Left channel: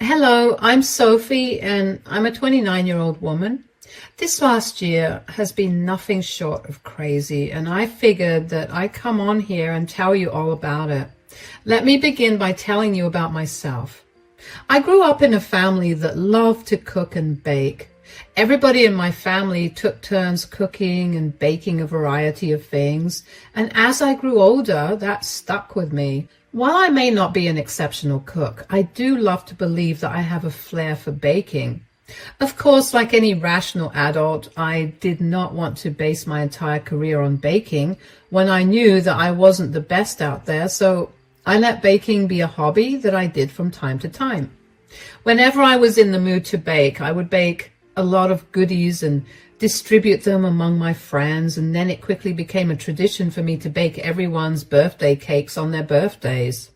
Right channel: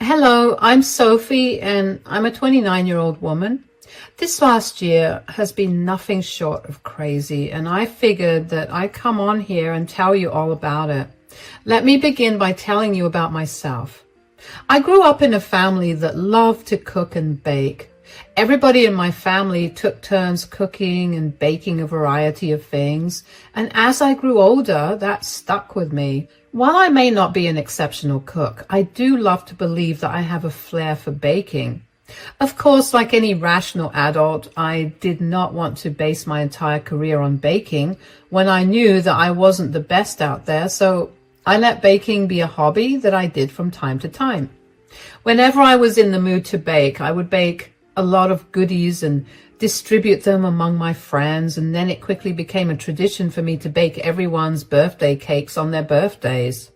Hello, I'm Sophie and I'm a 29-year-old woman. This last year has been nothing short of crazy, and I figured that I'd come on here and tell you all about it. Let me begin by telling you about myself. I grew up in a family that loved to cook and bake. Everybody in my family took turns cooking and baking a variety of things, and as I grew older, that stuck with me. While I may not be an exceptional cook, I do love to believe that I have a flair for baking. Of course, like any rational adult, I did not want to base my entire career on baking when I knew that I wasn't the best out there, so I let baking be a hobby that I did from time to time. Whenever I was in the mood to bake, I would bake a lot of goodies and distribute them among my friends, and then it quickly became a tradition for me to bake everyone's birthday cakes on their birthdays.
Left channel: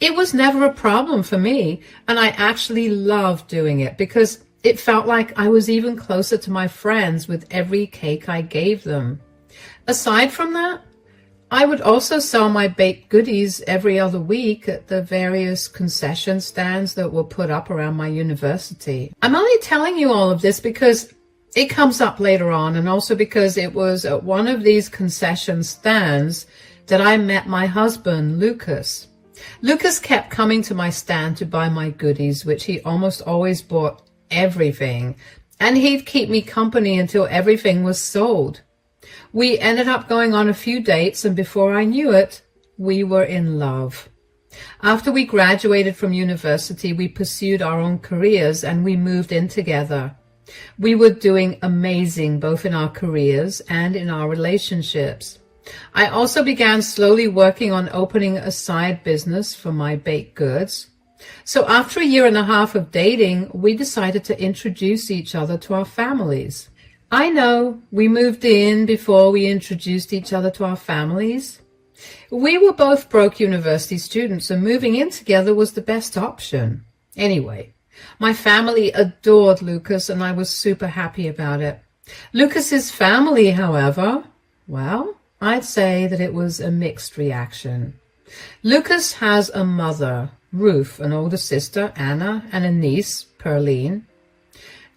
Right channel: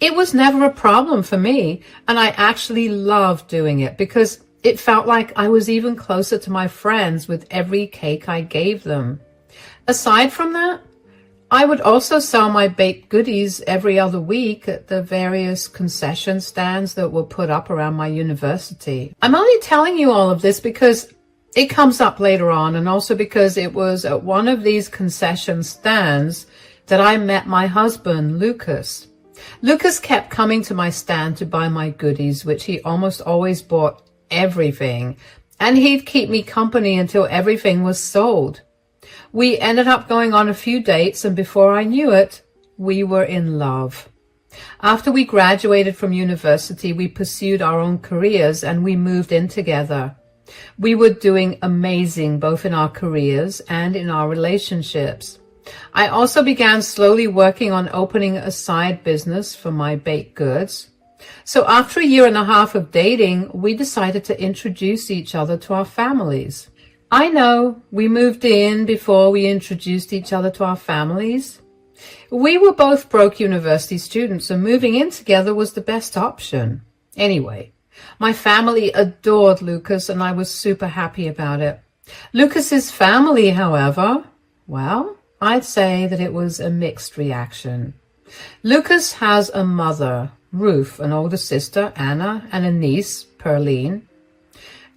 It was never a problem for me, and I actually loved doing it because it felt like I was even closer to my friends with every cake I gave them. Aside from that, I would also sell my baked goodies every other week at the various concession stands that were put up around my university. I'm only telling you all of this because it comes up later on, and also because it was at one of these concession stands that I met my husband, Lucas. Lucas kept coming to my stand to buy my goodies, which he almost always bought everything, and he'd keep me company until everything was sold. We ended up going on a few dates, and before I knew it, we were in love. After we graduated from university, we pursued our own careers and we moved in together. We were doing amazing both in our careers and in our relationships. I also began slowly working on opening a side business for my baked goods. So after a year and a half of dating, we decided to introduce each other to our families. I know, we moved in before we introduced each other to our families. We were both broke university students, and moving in together was the best option. Anyway, my family adored Lucas, and I was super happy about it. Lucas's family, however, well, I'd say that it was a mixed reaction. Lucas has a mother, Ruth, an older sister, Anna, and a niece, Perline.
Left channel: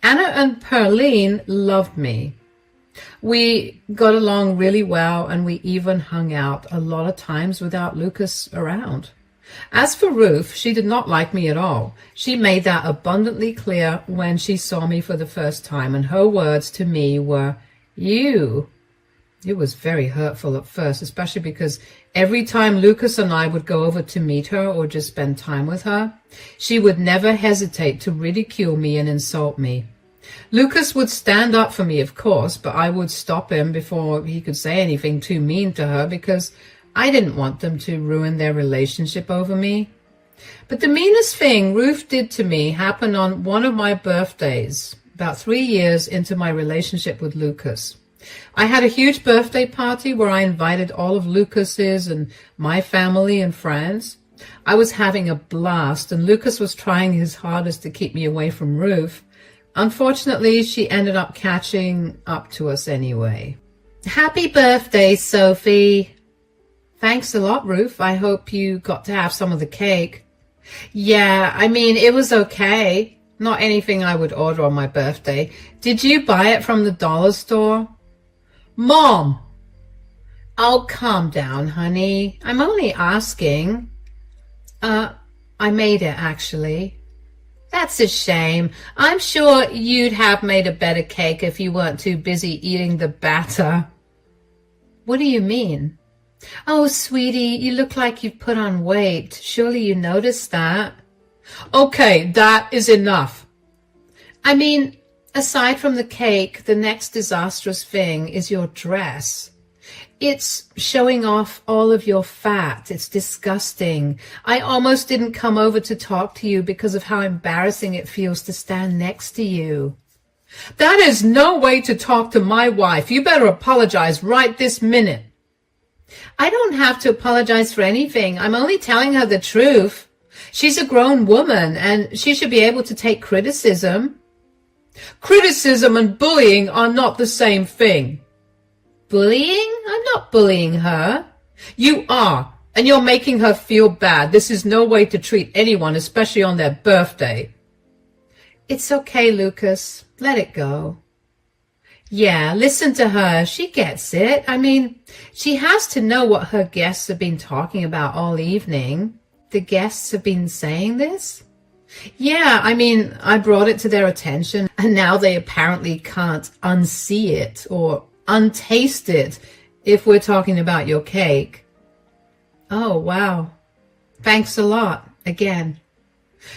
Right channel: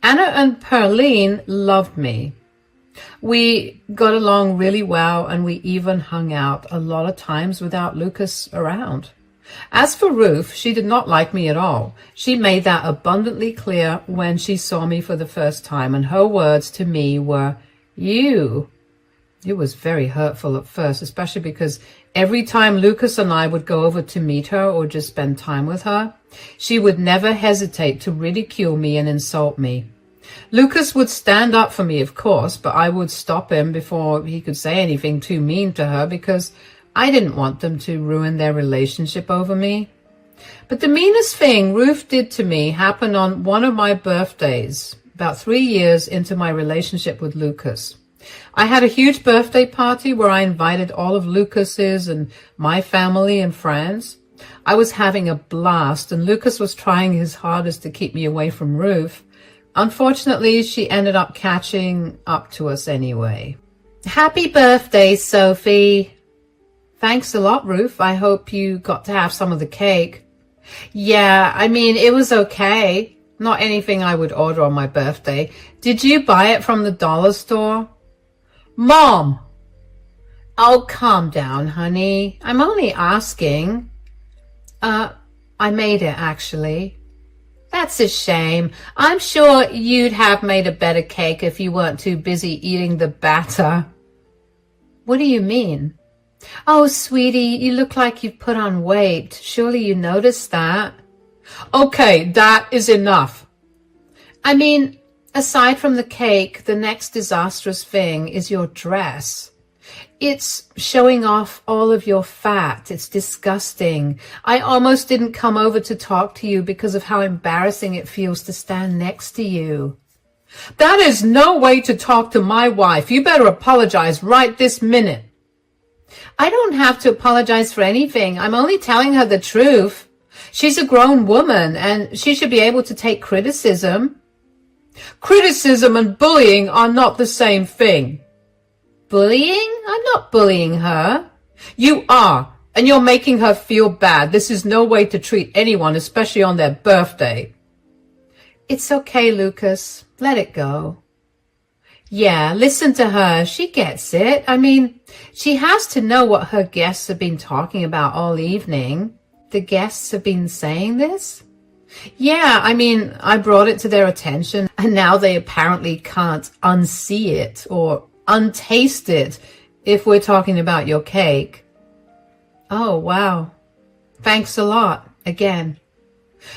Anna and Perline loved me. We got along really well, and we even hung out a lot of times without Lucas around. As for Ruth, she did not like me at all. She made that abundantly clear when she saw me for the first time, and her words to me were, "You." It was very hurtful at first, especially because every time Lucas and I would go over to meet her or just spend time with her, she would never hesitate to ridicule me and insult me. Lucas would stand up for me, of course, but I would stop him before he could say anything too mean to her because I didn't want them to ruin their relationship over me. But the meanest thing Ruth did to me happened on one of my birthdays, about 3 years into my relationship with Lucas. I had a huge birthday party where I invited all of Lucas's and my family and friends. I was having a blast, and Lucas was trying his hardest to keep me away from Ruth. Unfortunately, she ended up catching up to us anyway. Happy birthday, Sophie. Thanks a lot, Ruth. I hope you got to have some of the cake. Yeah, I mean, it was okay. Not anything I would order on my birthday. Did you buy it from the dollar store? Mom! Oh, calm down, honey. I'm only asking. I made it, actually. That's a shame. I'm sure you'd have made a better cake if you weren't too busy eating the batter. What do you mean? Oh, sweetie, you look like you've put on weight. Surely you noticed that. Okay, that is enough. I mean, aside from the cake, the next disastrous thing is your dress. It's showing off all of your fat. It's disgusting. I almost didn't come over to talk to you because of how embarrassing it feels to stand next to you. That is no way to talk to my wife. You better apologize right this minute. I don't have to apologize for anything. I'm only telling her the truth. She's a grown woman, and she should be able to take criticism. Criticism and bullying are not the same thing. Bullying? I'm not bullying her. You are. And you're making her feel bad. This is no way to treat anyone, especially on their birthday. It's okay, Lucas. Let it go. Yeah, listen to her. She gets it. I mean, she has to know what her guests have been talking about all evening. The guests have been saying this? Yeah, I mean, I brought it to their attention, and now they apparently can't unsee it or untaste it if we're talking about your cake. Oh, wow. Thanks a lot, again.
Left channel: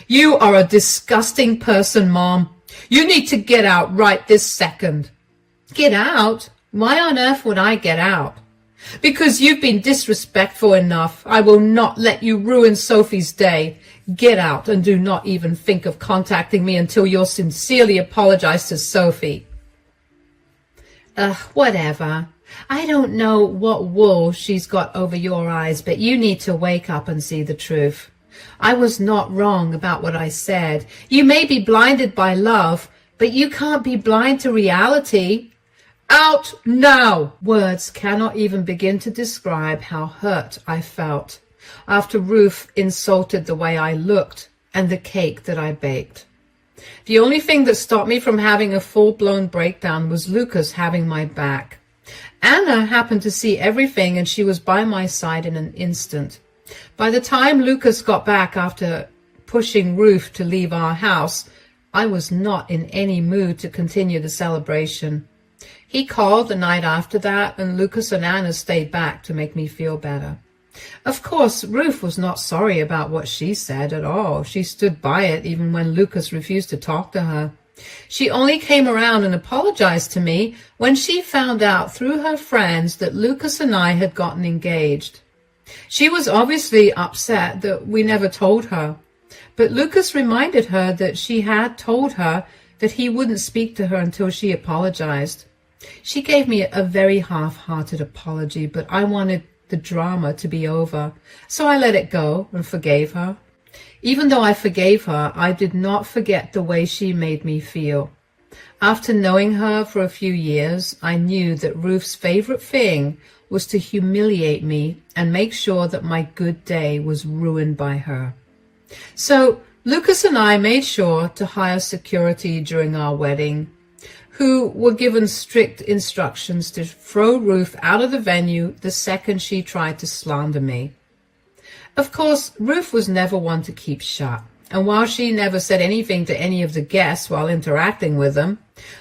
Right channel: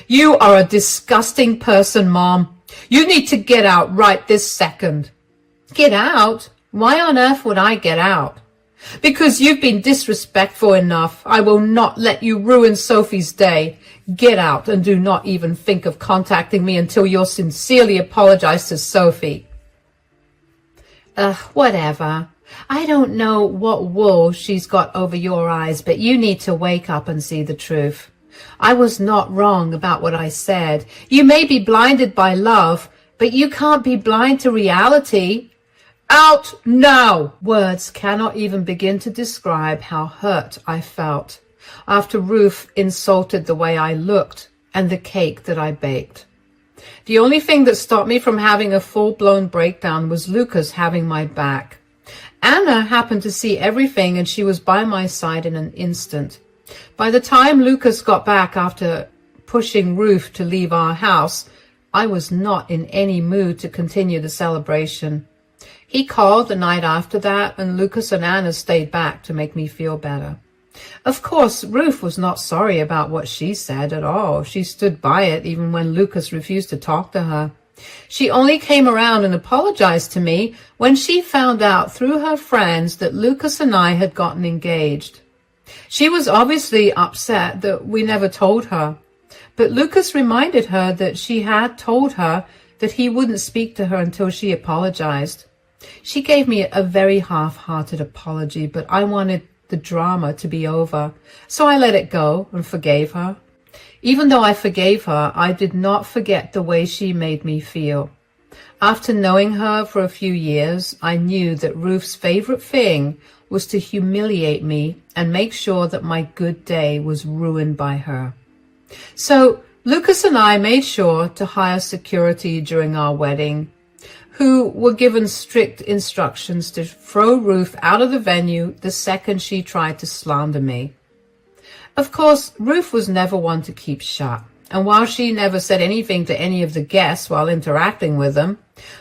You are a disgusting person, Mom. You need to get out right this second. Get out? Why on earth would I get out? Because you've been disrespectful enough. I will not let you ruin Sophie's day. Get out and do not even think of contacting me until you're sincerely apologized to Sophie. Whatever. I don't know what wool she's got over your eyes, but you need to wake up and see the truth. I was not wrong about what I said. You may be blinded by love, but you can't be blind to reality. Out now! Words cannot even begin to describe how hurt I felt after Ruth insulted the way I looked and the cake that I baked. The only thing that stopped me from having a full-blown breakdown was Lucas having my back. Anna happened to see everything, and she was by my side in an instant. By the time Lucas got back after pushing Ruth to leave our house, I was not in any mood to continue the celebration. He called the night after that, and Lucas and Anna stayed back to make me feel better. Of course, Ruth was not sorry about what she said at all. She stood by it even when Lucas refused to talk to her. She only came around and apologized to me when she found out through her friends that Lucas and I had gotten engaged. She was obviously upset that we never told her, but Lucas reminded her that she had told her that he wouldn't speak to her until she apologized. She gave me a very half-hearted apology, but I wanted the drama to be over, so I let it go and forgave her. Even though I forgave her, I did not forget the way she made me feel. After knowing her for a few years, I knew that Ruth's favorite thing was to humiliate me and make sure that my good day was ruined by her. So Lucas and I made sure to hire security during our wedding, who were given strict instructions to throw Ruth out of the venue the second she tried to slander me. Of course, Ruth was never one to keep shut, and while she never said anything to any of the guests while interacting with them,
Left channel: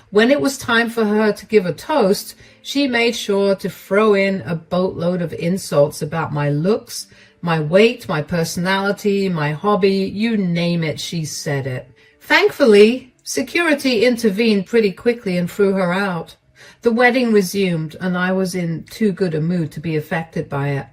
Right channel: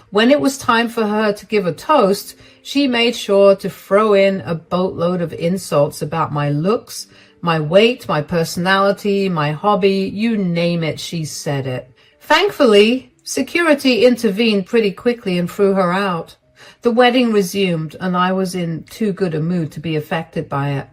when it was time for her to give a toast, she made sure to throw in a boatload of insults about my looks, my weight, my personality, my hobby, you name it, she said it. Thankfully, security intervened pretty quickly and threw her out. The wedding resumed, and I was in too good a mood to be affected by it.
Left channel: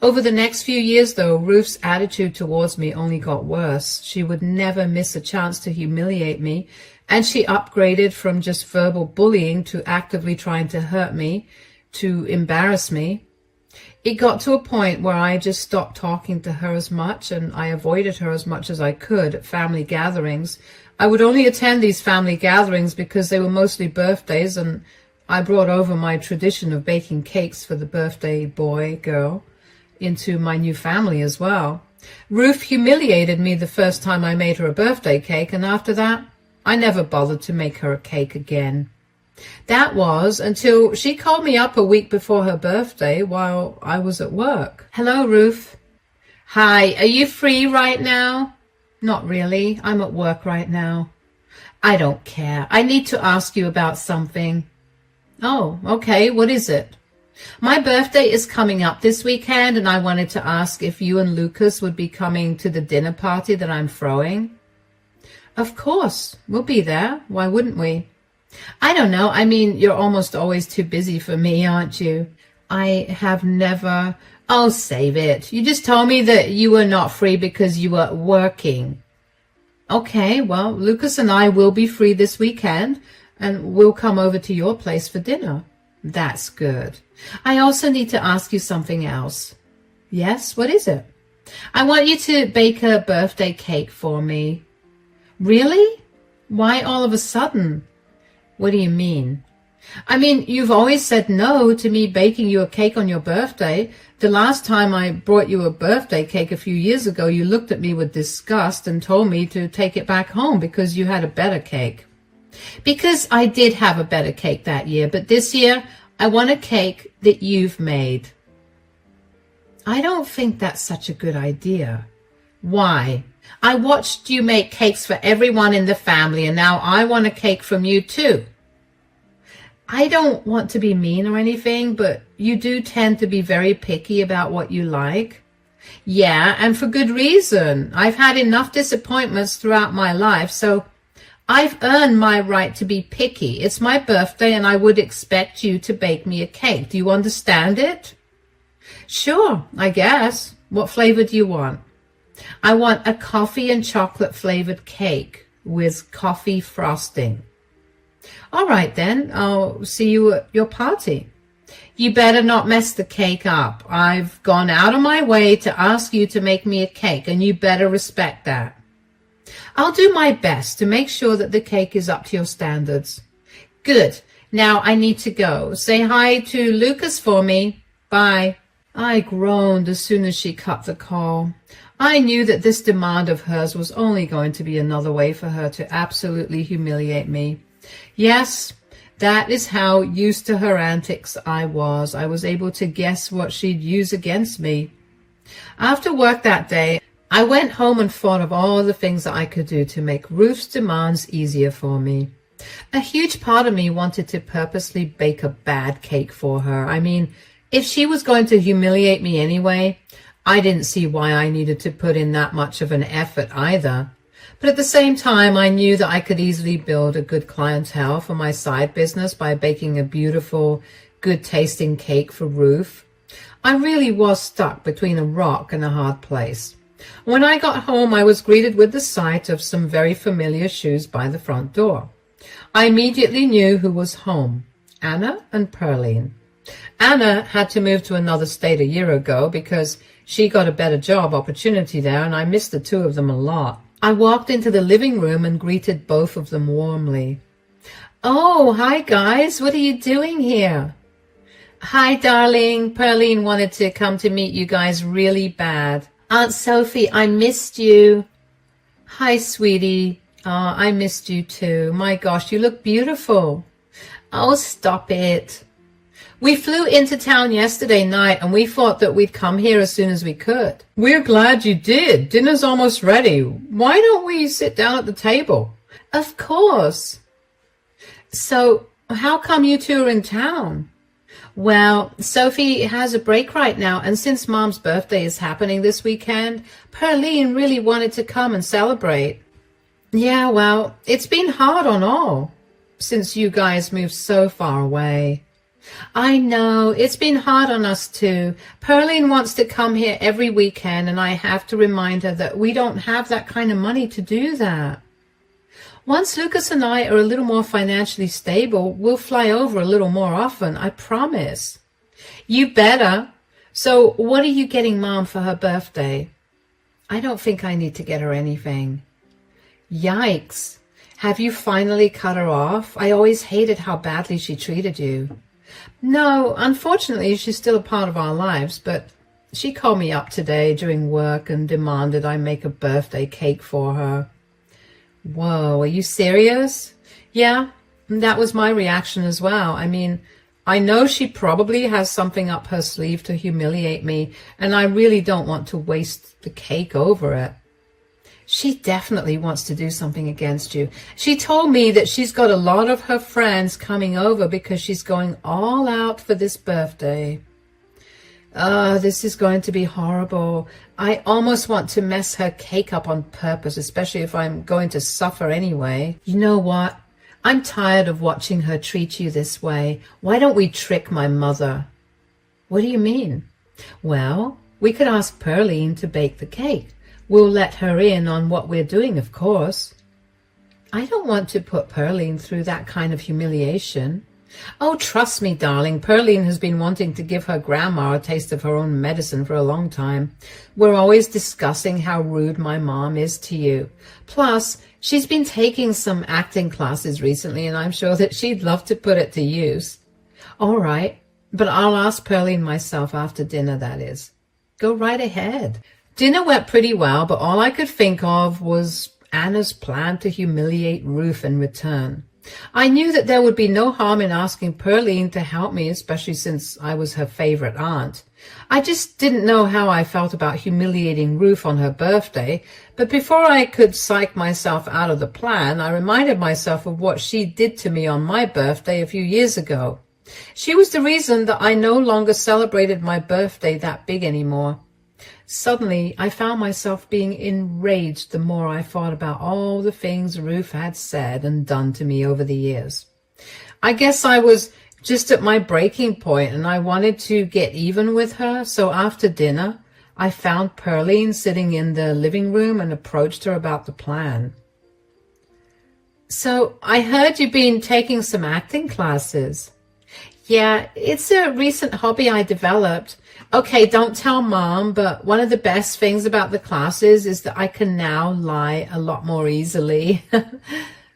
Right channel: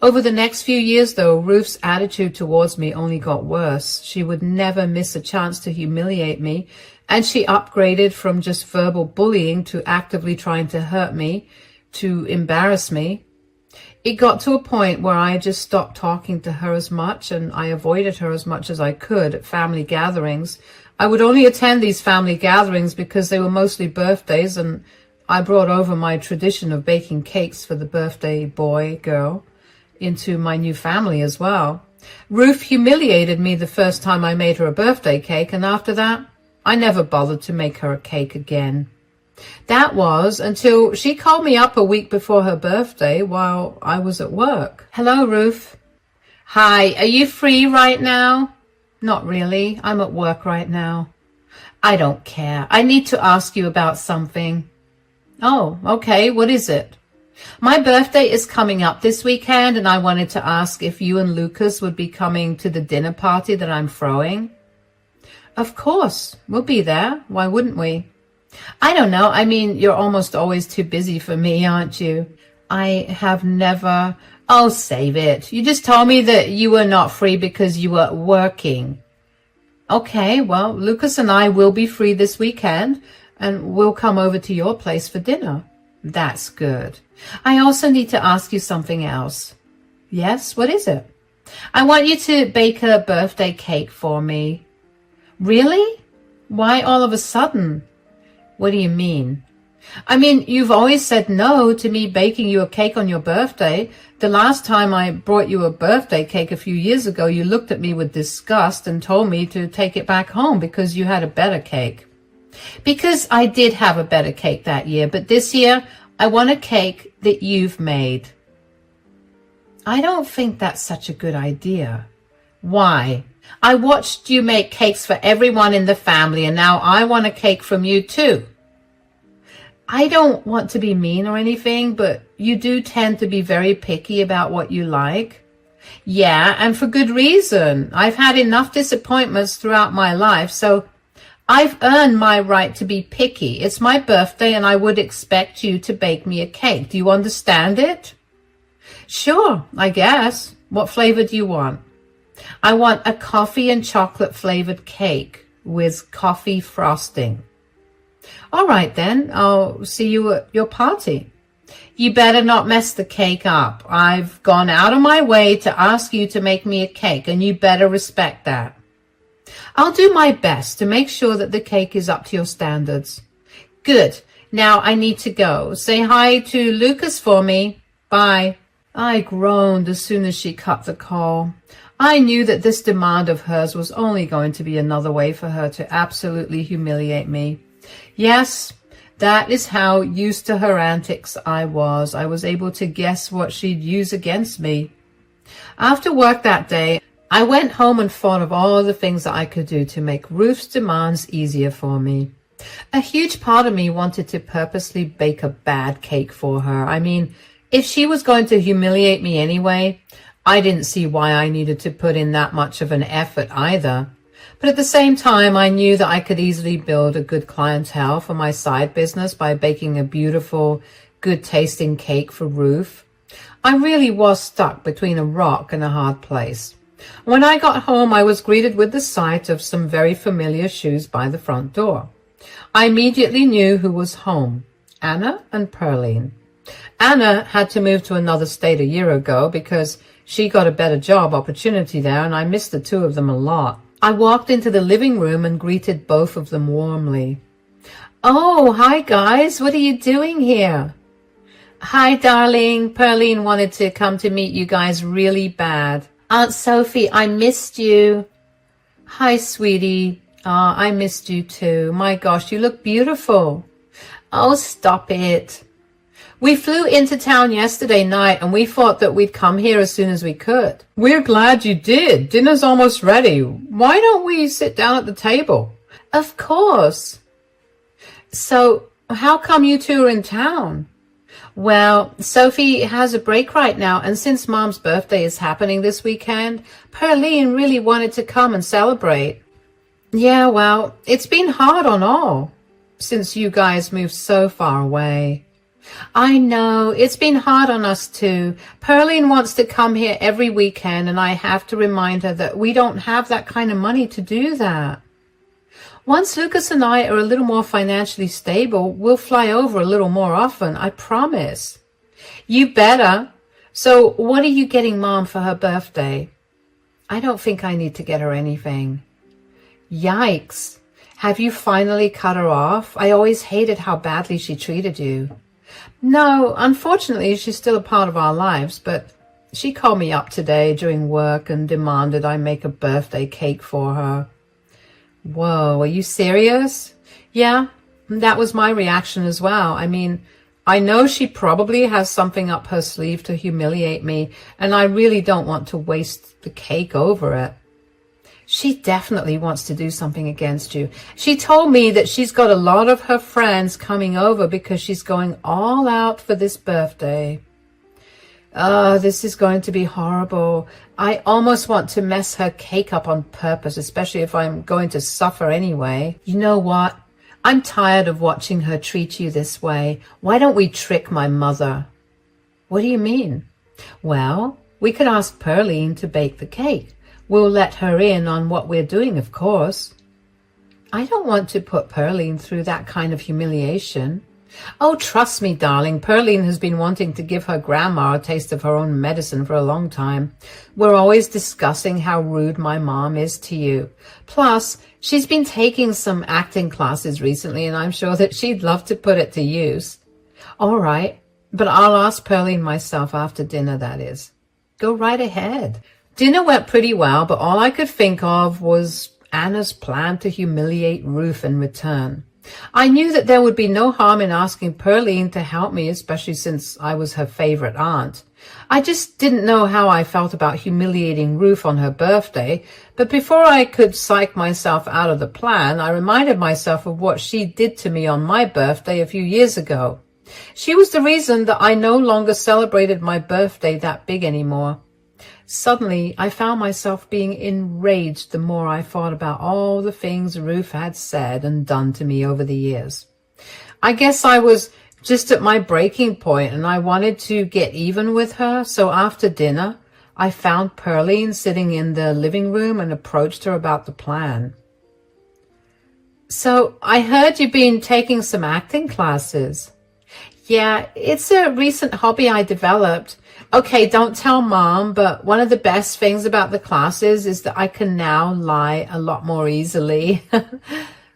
Over the next few years, though, Ruth's attitude towards me only got worse. She would never miss a chance to humiliate me, and she upgraded from just verbal bullying to actively trying to hurt me, to embarrass me. It got to a point where I just stopped talking to her as much, and I avoided her as much as I could at family gatherings. I would only attend these family gatherings because they were mostly birthdays, and I brought over my tradition of baking cakes for the birthday boy, girl, into my new family as well. Ruth humiliated me the first time I made her a birthday cake, and after that, I never bothered to make her a cake again. That was until she called me up a week before her birthday while I was at work. Hello, Ruth. Hi, are you free right now? Not really. I'm at work right now. I don't care. I need to ask you about something. Oh, okay. What is it? My birthday is coming up this weekend, and I wanted to ask if you and Lucas would be coming to the dinner party that I'm throwing. Of course. We'll be there. Why wouldn't we? I don't know. I mean, you're almost always too busy for me, aren't you? I have never... Oh, save it. You just told me that you were not free because you were working. Okay, well, Lucas and I will be free this weekend, and we'll come over to your place for dinner. That's good. I also need to ask you something else. Yes, what is it? I want you to bake a birthday cake for me. Really? Why all of a sudden? What do you mean? I mean, you've always said no to me baking you a cake on your birthday. The last time I brought you a birthday cake a few years ago, you looked at me with disgust and told me to take it back home because you had a better cake. Because I did have a better cake that year, but this year I want a cake that you've made. I don't think that's such a good idea. Why? I watched you make cakes for everyone in the family, and now I want a cake from you too. I don't want to be mean or anything, but you do tend to be very picky about what you like. Yeah, and for good reason. I've had enough disappointments throughout my life, so I've earned my right to be picky. It's my birthday, and I would expect you to bake me a cake. Do you understand it? Sure, I guess. What flavor do you want? I want a coffee and chocolate flavored cake with coffee frosting. All right, then. I'll see you at your party. You better not mess the cake up. I've gone out of my way to ask you to make me a cake, and you better respect that. I'll do my best to make sure that the cake is up to your standards. Good. Now I need to go. Say hi to Lucas for me. Bye. I groaned as soon as she cut the call. I knew that this demand of hers was only going to be another way for her to absolutely humiliate me. Yes, that is how used to her antics I was. I was able to guess what she'd use against me. After work that day, I went home and thought of all the things that I could do to make Ruth's demands easier for me. A huge part of me wanted to purposely bake a bad cake for her. I mean, if she was going to humiliate me anyway, I didn't see why I needed to put in that much of an effort either. But at the same time, I knew that I could easily build a good clientele for my side business by baking a beautiful, good-tasting cake for Ruth. I really was stuck between a rock and a hard place. When I got home, I was greeted with the sight of some very familiar shoes by the front door. I immediately knew who was home, Anna and Pearline. Anna had to move to another state a year ago because she got a better job opportunity there, and I missed the two of them a lot. I walked into the living room and greeted both of them warmly. Oh, hi guys, what are you doing here? Hi, darling. Pearline wanted to come to meet you guys really bad. Aunt Sophie, I missed you. Hi, sweetie. I missed you too. My gosh, you look beautiful. Oh, stop it. We flew into town yesterday night and we thought that we'd come here as soon as we could. We're glad you did. Dinner's almost ready. Why don't we sit down at the table? Of course. So, how come you two are in town? Well, Sophie has a break right now, and since Mom's birthday is happening this weekend, Pearline really wanted to come and celebrate. Yeah, well, it's been hard on all since you guys moved so far away. I know, it's been hard on us too. Pearline wants to come here every weekend, and I have to remind her that we don't have that kind of money to do that. Once Lucas and I are a little more financially stable, we'll fly over a little more often, I promise. You better. So what are you getting Mom for her birthday? I don't think I need to get her anything. Yikes. Have you finally cut her off? I always hated how badly she treated you. No, unfortunately, she's still a part of our lives, but she called me up today during work and demanded I make a birthday cake for her. Whoa, are you serious? Yeah, that was my reaction as well. I mean, I know she probably has something up her sleeve to humiliate me, and I really don't want to waste the cake over it. She definitely wants to do something against you. She told me that she's got a lot of her friends coming over because she's going all out for this birthday. This is going to be horrible. I almost want to mess her cake up on purpose, especially if I'm going to suffer anyway. You know what? I'm tired of watching her treat you this way. Why don't we trick my mother? What do you mean? Well, we could ask Pearline to bake the cake. We'll let her in on what we're doing, of course. I don't want to put Pearline through that kind of humiliation. Oh, trust me, darling, Pearline has been wanting to give her grandma a taste of her own medicine for a long time. We're always discussing how rude my mom is to you. Plus, she's been taking some acting classes recently, and I'm sure that she'd love to put it to use. All right, but I'll ask Pearline myself after dinner, that is. Go right ahead. Dinner went pretty well, but all I could think of was Anna's plan to humiliate Ruth in return. I knew that there would be no harm in asking Pearline to help me, especially since I was her favorite aunt. I just didn't know how I felt about humiliating Ruth on her birthday, but before I could psych myself out of the plan, I reminded myself of what she did to me on my birthday a few years ago. She was the reason that I no longer celebrated my birthday that big anymore. Suddenly, I found myself being enraged the more I thought about all the things Ruth had said and done to me over the years. I guess I was just at my breaking point and I wanted to get even with her, so after dinner, I found Pearline sitting in the living room and approached her about the plan. So, I heard you've been taking some acting classes. Yeah, it's a recent hobby I developed. Okay, don't tell Mom, but one of the best things about the classes is that I can now lie a lot more easily.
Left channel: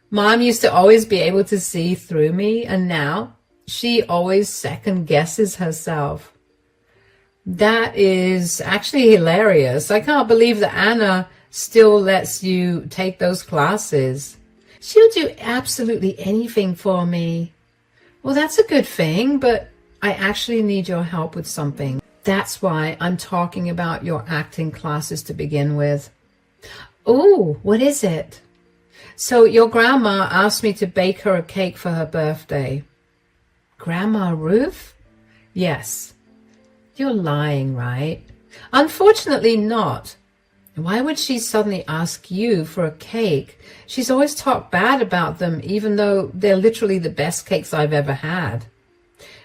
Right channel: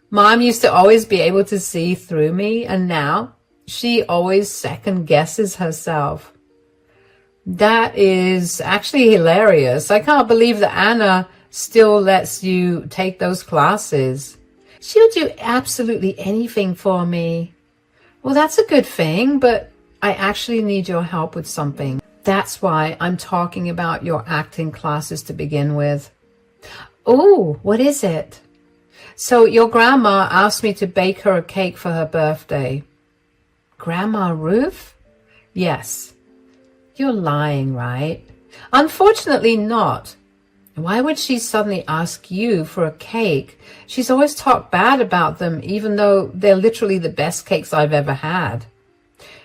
Mom used to always be able to see through me, and now she always second guesses herself. That is actually hilarious. I can't believe that Anna still lets you take those classes. She'll do absolutely anything for me. Well, that's a good thing, but I actually need your help with something. That's why I'm talking about your acting classes to begin with. Oh, what is it? So your grandma asked me to bake her a cake for her birthday. Grandma Ruth? Yes. You're lying, right? Unfortunately not. Why would she suddenly ask you for a cake? She's always talked bad about them, even though they're literally the best cakes I've ever had.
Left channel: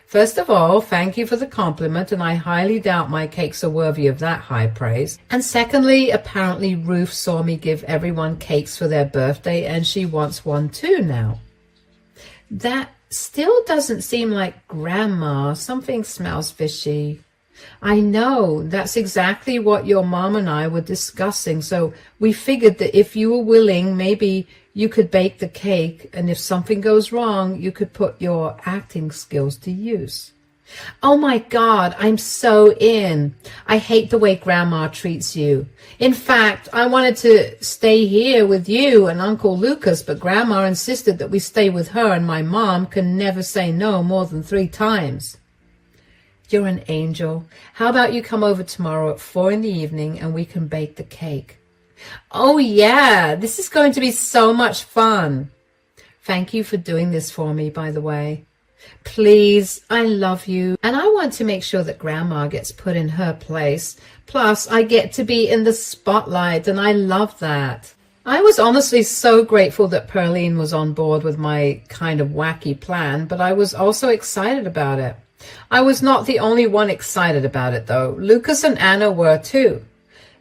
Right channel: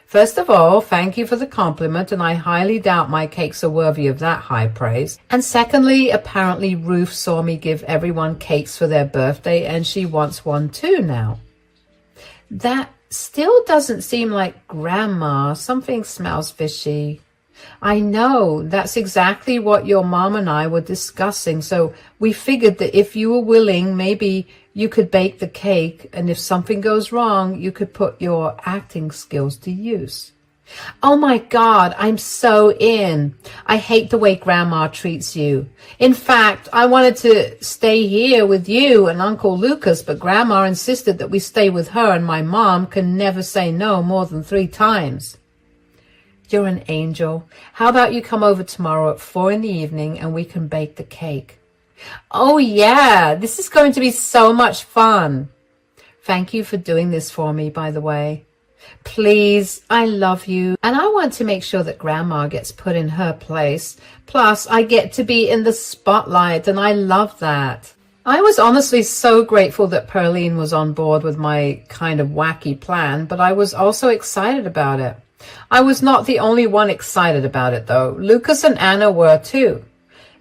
First of all, thank you for the compliment, and I highly doubt my cakes are worthy of that high praise. And secondly, apparently Ruth saw me give everyone cakes for their birthday, and she wants one too now. That still doesn't seem like Grandma. Something smells fishy. I know, that's exactly what your mom and I were discussing, so we figured that if you were willing, maybe you could bake the cake, and if something goes wrong, you could put your acting skills to use. Oh my God, I'm so in. I hate the way Grandma treats you. In fact, I wanted to stay here with you and Uncle Lucas, but Grandma insisted that we stay with her, and my mom can never say no more than 3 times. You're an angel. How about you come over tomorrow at 4 p.m. and we can bake the cake? Oh yeah, this is going to be so much fun. Thank you for doing this for me, by the way. Please, I love you, and I want to make sure that Grandma gets put in her place. Plus, I get to be in the spotlight, and I love that. I was honestly so grateful that Pearline was on board with my kind of wacky plan, but I was also excited about it. I was not the only one excited about it, though. Lucas and Anna were too.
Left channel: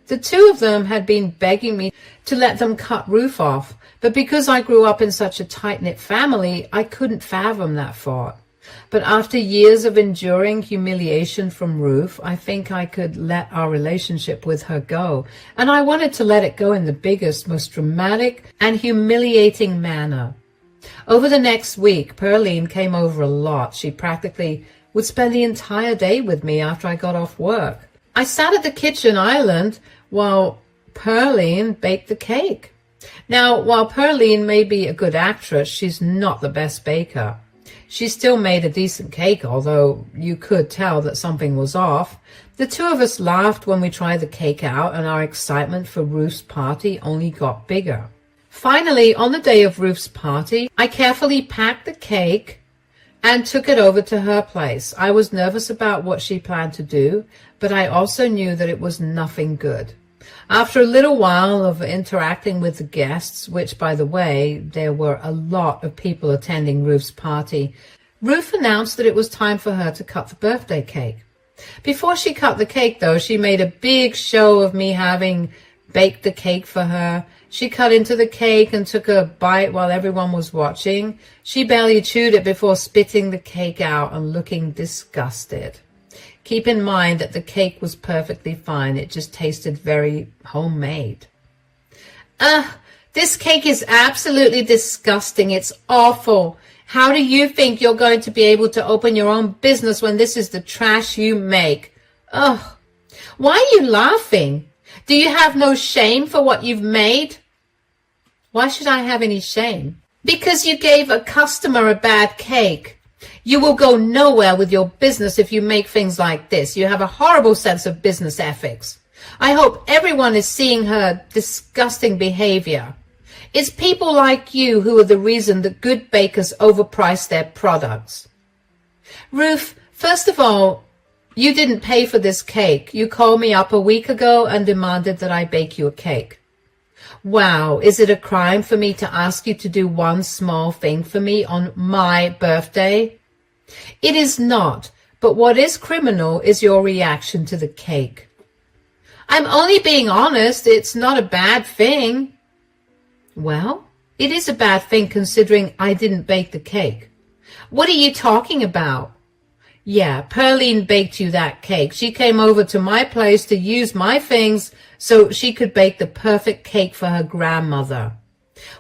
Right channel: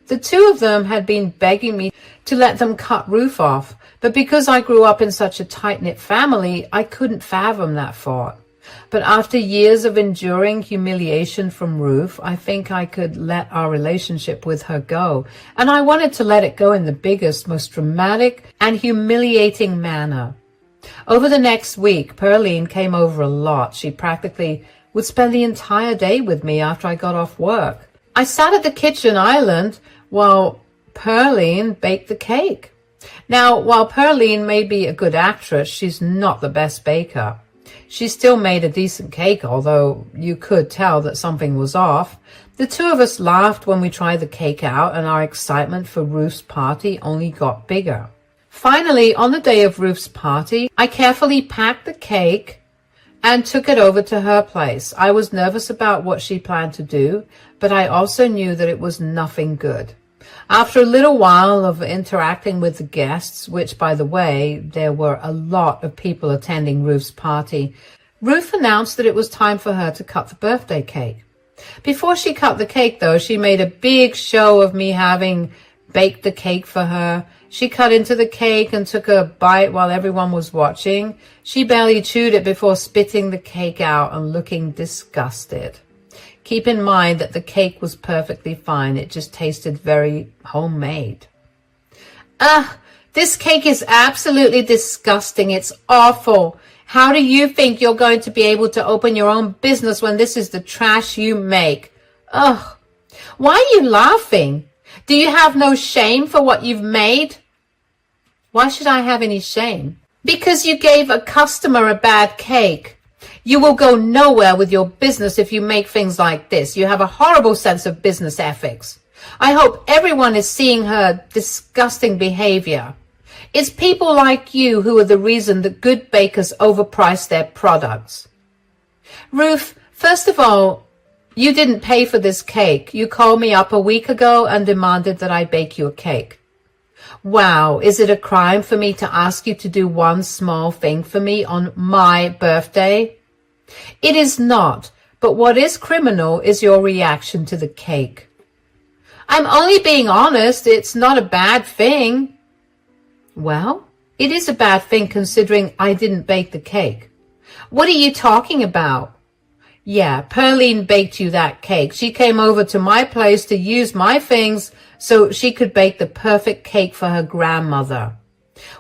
The two of them had been begging me to let them cut Ruth off, but because I grew up in such a tight-knit family, I couldn't fathom that thought. But after years of enduring humiliation from Ruth, I think I could let our relationship with her go, and I wanted to let it go in the biggest, most dramatic and humiliating manner. Over the next week, Pearline came over a lot. She practically would spend the entire day with me after I got off work. I sat at the kitchen island while Pearline baked the cake. Now, while Pearline may be a good actress, she's not the best baker. She still made a decent cake, although you could tell that something was off. The two of us laughed when we tried the cake out, and our excitement for Ruth's party only got bigger. Finally, on the day of Ruth's party, I carefully packed the cake and took it over to her place. I was nervous about what she planned to do, but I also knew that it was nothing good. After a little while of interacting with the guests, which, by the way, there were a lot of people attending Ruth's party, Ruth announced that it was time for her to cut the birthday cake. Before she cut the cake, though, she made a big show of me having baked the cake for her. She cut into the cake and took a bite while everyone was watching. She barely chewed it before spitting the cake out and looking disgusted. Keep in mind that the cake was perfectly fine. It just tasted very homemade. This cake is absolutely disgusting. It's awful. How do you think you're going to be able to open your own business when this is the trash you make? Ugh. Why are you laughing? Do you have no shame for what you've made? Why should I have any shame? Because you gave a customer a bad cake. You will go nowhere with your business if you make things like this. You have a horrible sense of business ethics. I hope everyone is seeing her disgusting behavior. It's people like you who are the reason that good bakers overprice their products. Ruth, first of all, you didn't pay for this cake. You called me up a week ago and demanded that I bake you a cake. Wow, is it a crime for me to ask you to do one small thing for me on my birthday? It is not, but what is criminal is your reaction to the cake. I'm only being honest. It's not a bad thing. Well, it is a bad thing considering I didn't bake the cake. What are you talking about? Yeah, Pearline baked you that cake. She came over to my place to use my things so she could bake the perfect cake for her grandmother.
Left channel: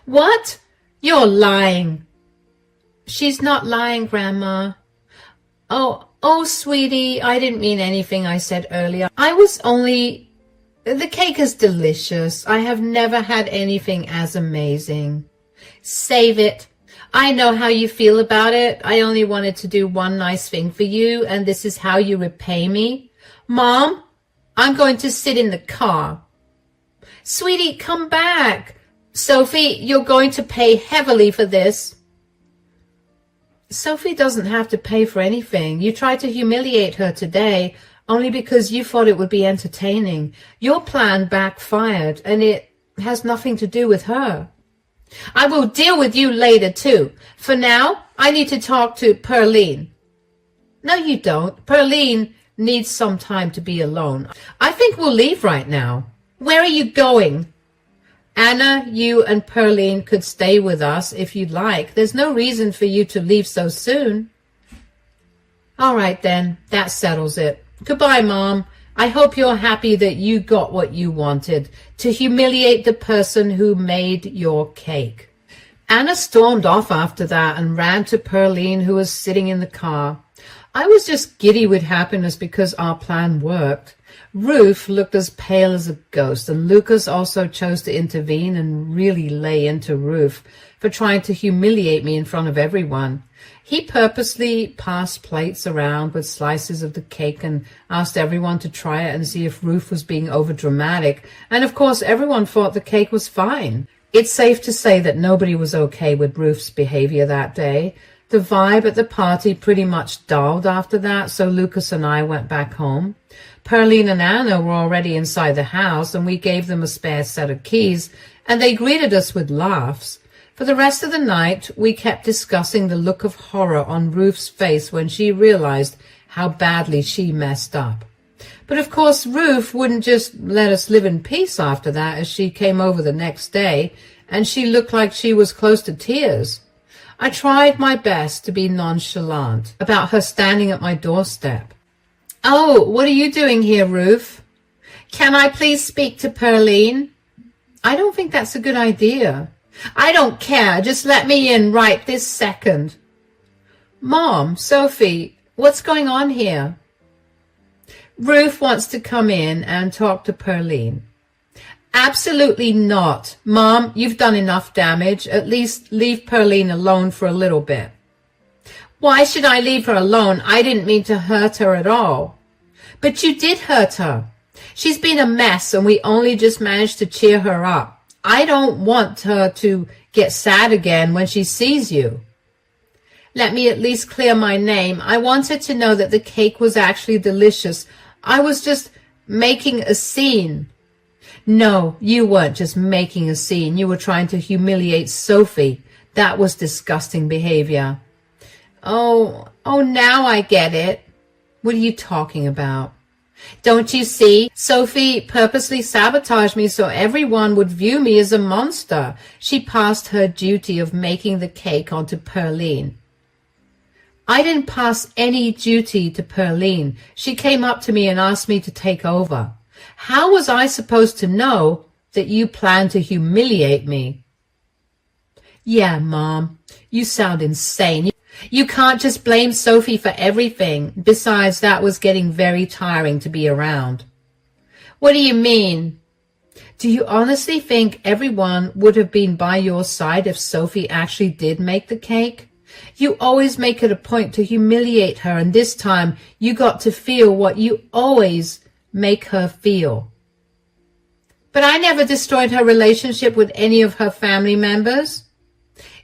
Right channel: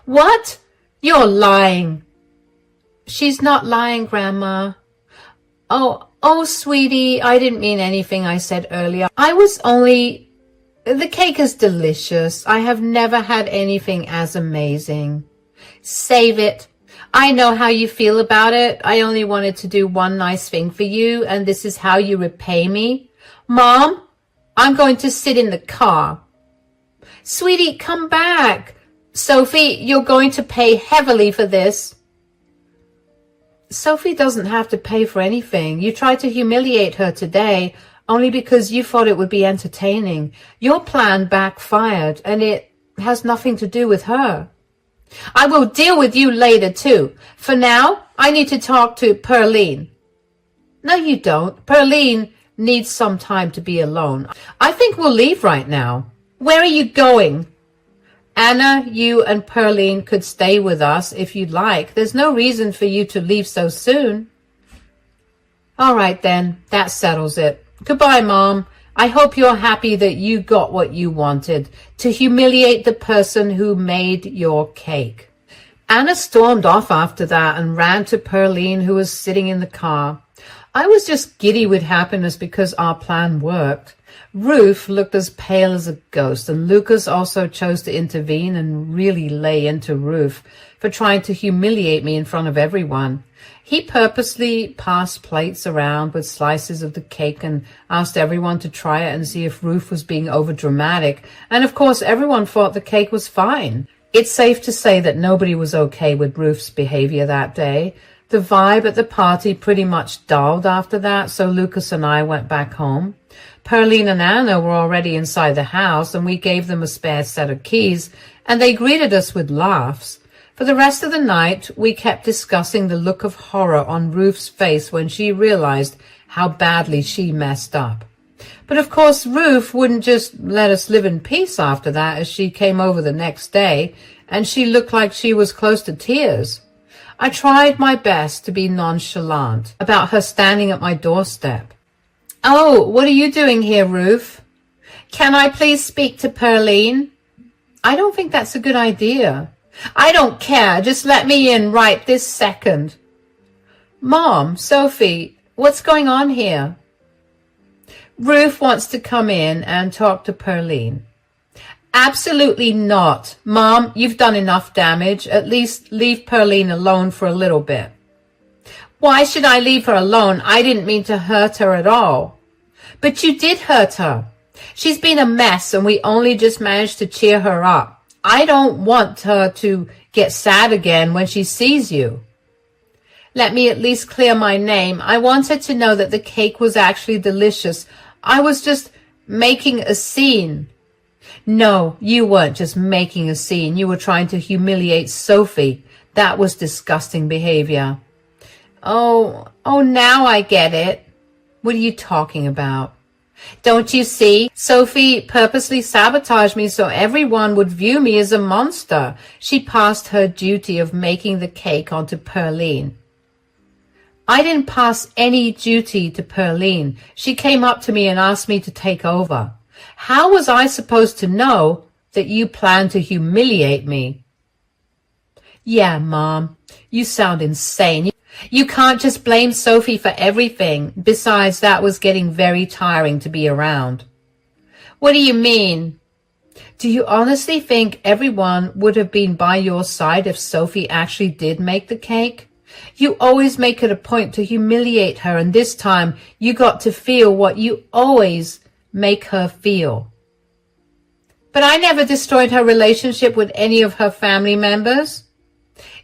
What? You're lying. She's not lying, Grandma. Oh, sweetie, I didn't mean anything I said earlier. The cake is delicious. I have never had anything as amazing. Save it. I know how you feel about it. I only wanted to do one nice thing for you, and this is how you repay me. Mom, I'm going to sit in the car. Sweetie, come back. Sophie, you're going to pay heavily for this. Sophie doesn't have to pay for anything. You tried to humiliate her today only because you thought it would be entertaining. Your plan backfired, and it has nothing to do with her. I will deal with you later, too. For now, I need to talk to Pearline. No, you don't. Pearline needs some time to be alone. I think we'll leave right now. Where are you going? Anna, you and Pearline could stay with us if you'd like. There's no reason for you to leave so soon. All right, then. That settles it. Goodbye, Mom. I hope you're happy that you got what you wanted, to humiliate the person who made your cake. Anna stormed off after that and ran to Pearline, who was sitting in the car. I was just giddy with happiness because our plan worked. Ruth looked as pale as a ghost, and Lucas also chose to intervene and really lay into Ruth for trying to humiliate me in front of everyone. He purposely passed plates around with slices of the cake and asked everyone to try it and see if Ruth was being overdramatic. And of course, everyone thought the cake was fine. It's safe to say that nobody was okay with Ruth's behavior that day. The vibe at the party pretty much dulled after that, so Lucas and I went back home. Pearline and Anna were already inside the house, and we gave them a spare set of keys, and they greeted us with laughs. For the rest of the night, we kept discussing the look of horror on Ruth's face when she realized how badly she messed up. But of course, Ruth wouldn't just let us live in peace after that, as she came over the next day, and she looked like she was close to tears. I tried my best to be nonchalant about her standing at my doorstep. Oh, what are you doing here, Ruth? Can I please speak to Pearline? I don't think that's a good idea. I don't care. Just let me in right this second. Mom, Sophie, what's going on here? Ruth wants to come in and talk to Pearline. Absolutely not. Mom, you've done enough damage. At least leave Pearline alone for a little bit. Why should I leave her alone? I didn't mean to hurt her at all. But you did hurt her. She's been a mess, and we only just managed to cheer her up. I don't want her to get sad again when she sees you. Let me at least clear my name. I wanted to know that the cake was actually delicious. I was just making a scene. No, you weren't just making a scene. You were trying to humiliate Sophie. That was disgusting behavior. Oh, now I get it. What are you talking about? Don't you see? Sophie purposely sabotaged me so everyone would view me as a monster. She passed her duty of making the cake on to Pearline. I didn't pass any duty to Pearline. She came up to me and asked me to take over. How was I supposed to know that you planned to humiliate me? Yeah, Mom, you sound insane. You can't just blame Sophie for everything. Besides, that was getting very tiring to be around. What do you mean? Do you honestly think everyone would have been by your side if Sophie actually did make the cake? You always make it a point to humiliate her, and this time you got to feel what you always make her feel. But I never destroyed her relationship with any of her family members.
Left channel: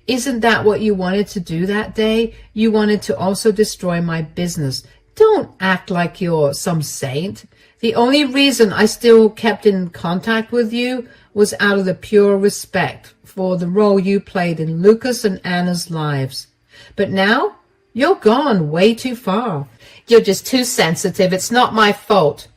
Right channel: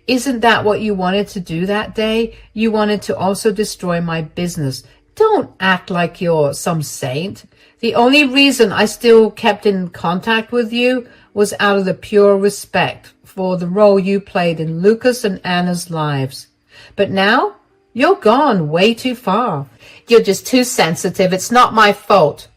Isn't that what you wanted to do that day? You wanted to also destroy my business. Don't act like you're some saint. The only reason I still kept in contact with you was out of the pure respect for the role you played in Lucas and Anna's lives. But now, you're gone way too far. You're just too sensitive. It's not my fault.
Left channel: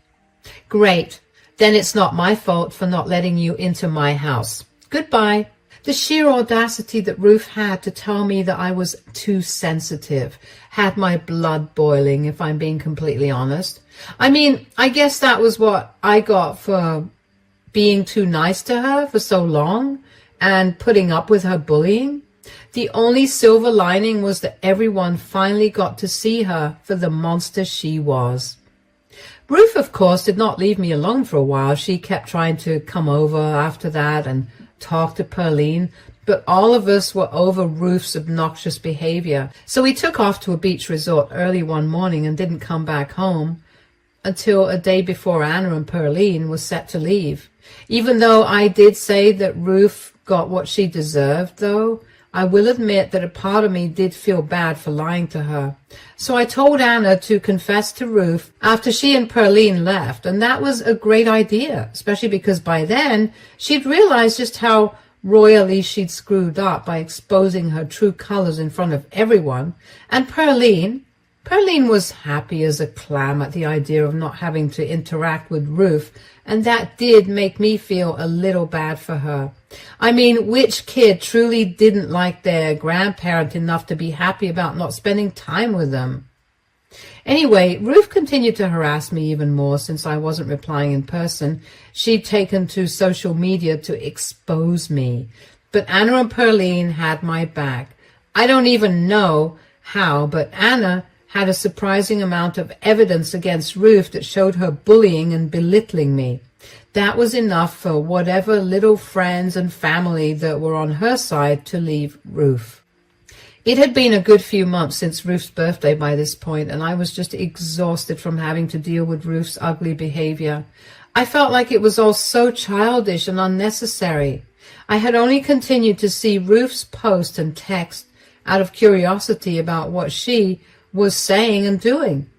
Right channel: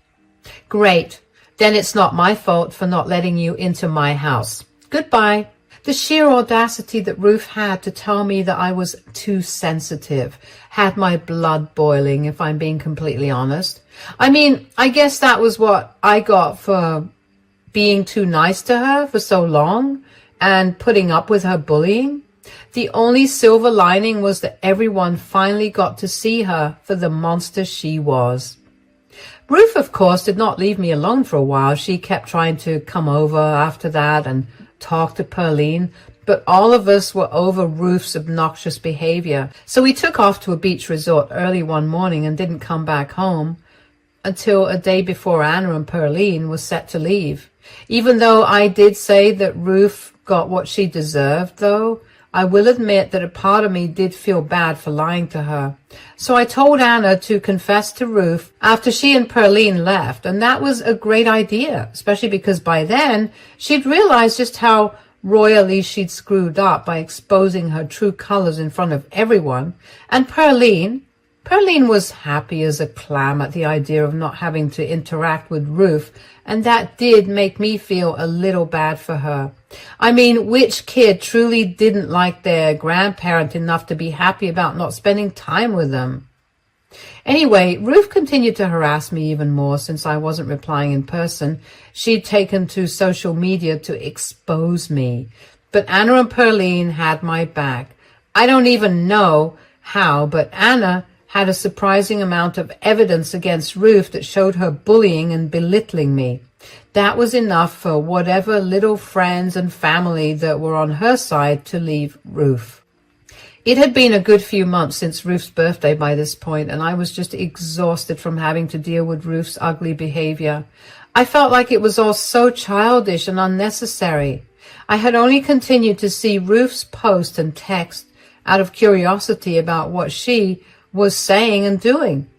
Great. Then it's not my fault for not letting you into my house. Goodbye. The sheer audacity that Ruth had to tell me that I was too sensitive had my blood boiling, if I'm being completely honest. I mean, I guess that was what I got for being too nice to her for so long and putting up with her bullying. The only silver lining was that everyone finally got to see her for the monster she was. Ruth, of course, did not leave me alone for a while. She kept trying to come over after that and talk to Pearline, but all of us were over Ruth's obnoxious behavior. So we took off to a beach resort early one morning and didn't come back home until a day before Anna and Pearline was set to leave. Even though I did say that Ruth got what she deserved, though, I will admit that a part of me did feel bad for lying to her. So I told Anna to confess to Ruth after she and Pearline left, and that was a great idea, especially because by then she'd realized just how royally she'd screwed up by exposing her true colors in front of everyone. And Pearline was happy as a clam at the idea of not having to interact with Ruth, and that did make me feel a little bad for her. I mean, which kid truly didn't like their grandparent enough to be happy about not spending time with them? Anyway, Ruth continued to harass me even more since I wasn't replying in person. She'd taken to social media to expose me. But Anna and Pearline had my back. I don't even know how, but Anna had a surprising amount of evidence against Ruth that showed her bullying and belittling me. That was enough for whatever little friends and family that were on her side to leave Ruth. It had been a good few months since Ruth's birthday by this point, and I was just exhausted from having to deal with Ruth's ugly behavior. I felt like it was all so childish and unnecessary. I had only continued to see Ruth's post and text out of curiosity about what she was saying and doing.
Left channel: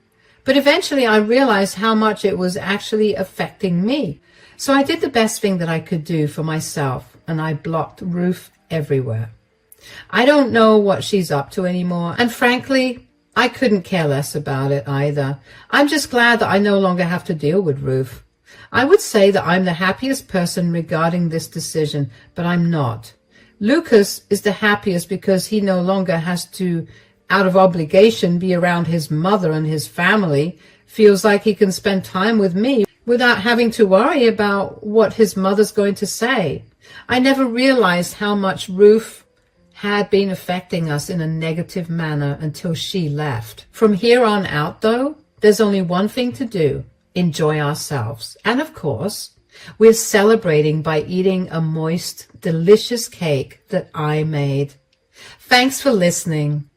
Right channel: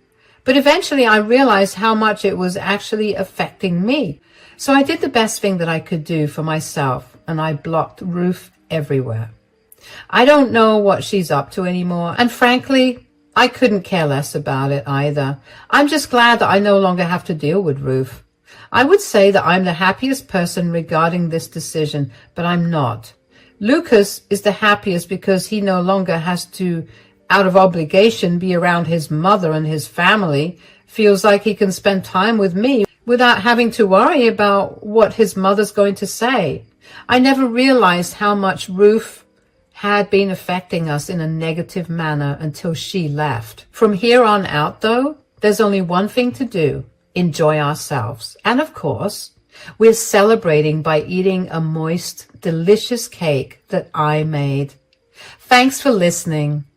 But eventually I realized how much it was actually affecting me. So I did the best thing that I could do for myself, and I blocked Ruth everywhere. I don't know what she's up to anymore, and frankly, I couldn't care less about it either. I'm just glad that I no longer have to deal with Ruth. I would say that I'm the happiest person regarding this decision, but I'm not. Lucas is the happiest because he no longer has to, out of obligation, be around his mother and his family, feels like he can spend time with me without having to worry about what his mother's going to say. I never realized how much Ruth had been affecting us in a negative manner until she left. From here on out, though, there's only one thing to do: enjoy ourselves. And of course, we're celebrating by eating a moist, delicious cake that I made. Thanks for listening.